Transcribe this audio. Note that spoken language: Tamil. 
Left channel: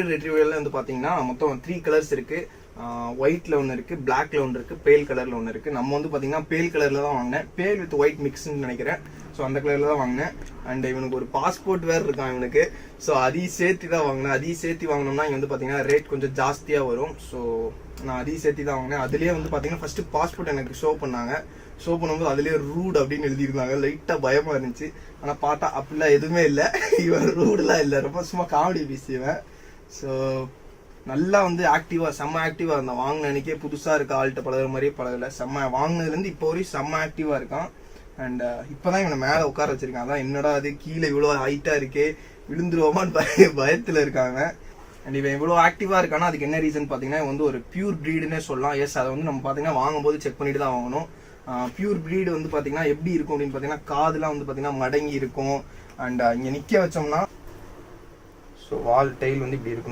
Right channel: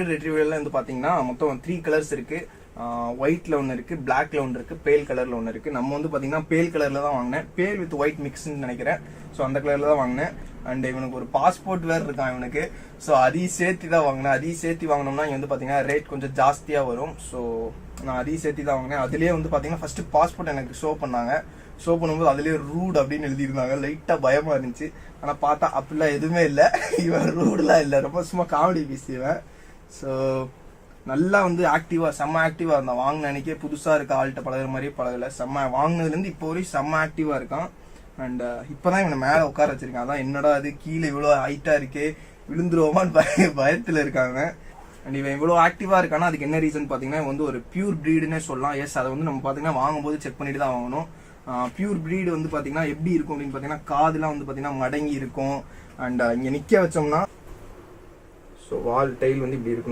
ரெட்ரீவர்ல வந்து பாத்தீங்கன்னா மொத்தம் 3 கலர்ஸ் இருக்கு. ஒயிட்ல ஒன்று இருக்கு, பிளாக்ல ஒன்று இருக்கு, பேல் கலர்ல ஒன்று இருக்கு. நம்ம வந்து பாத்தீங்கன்னா பேல் கலர்ல தான் வாங்கினேன். பேல் வித் ஒயிட் மிக்ஸ்ன்னு நினைக்கிறேன். ஸோ அந்த கலர்ல தான் வாங்கினேன். அண்ட் இவனுக்கு ஒரு பாஸ்போர்ட் வேறு இருக்கான் இவனுக்கு. ஸோ அதையும் சேர்த்து தான் வாங்கினேன். அதையும் சேர்த்து வாங்கினோம்னா இங்க வந்து பாத்தீங்கன்னா ரேட் கொஞ்சம் ஜாஸ்தியா வரும். ஸோ நான் அதையும் சேர்த்து தான் வாங்கினேன். அதுலயே வந்து பாத்தீங்கன்னா ஃபர்ஸ்ட் பாஸ்போர்ட் எனக்கு ஷோ பண்ணாங்க. ஷோ பண்ணும்போது அதுலயே ரூட் அப்படின்னு எழுதியிருந்தாங்க. லைட்டா பயமா இருந்துச்சு. ஆனா பார்த்தா அப்படிலாம் எதுவுமே இல்லை. இவன் ரூட்லாம் இல்லை, ரொம்ப சும்மா காமெடி பீஸ் இவன். ஸோ நல்லா வந்து ஆக்டிவா, செம்ம ஆக்டிவா இருந்தான். வாங்கின அன்னைக்கே புதுசா இருக்க ஆள்கிட்ட பழகுற மாதிரியே பழகல. செம்ம வாங்கினதுலேருந்து இப்போ வரையும் செம்ம ஆக்டிவா இருக்கான். அண்ட் இப்பதான் இவனை மேலே உட்கார வச்சிருக்கான். அதான் என்னடா அது கீழே இவ்வளோ ஹைட்டா இருக்கே, விழுந்துருவோமான்னு பயத்துல இருக்காங்க. அண்ட் இவன் இவ்வளோ ஆக்டிவா இருக்கானா அதுக்கு என்ன ரீசன் பார்த்தீங்கன்னா இவன் வந்து ஒரு பியூர் ப்ரீடுன்னே சொல்லலாம். எஸ், அதை வந்து நம்ம பார்த்தீங்கன்னா வாங்கும்போது செக் பண்ணிட்டு தான் வாங்கணும். பியூர் ப்ரீடு வந்து பார்த்தீங்கன்னா எப்படி இருக்கும் அப்படின்னு பார்த்தீங்கன்னா காதுலாம் வந்து பார்த்தீங்கன்னா மடங்கி இருக்கும். அண்ட் இங்கே நிற்க வச்சோம்னா ஸோ வால் டெய்ல் வந்து இப்படி இருக்கும்.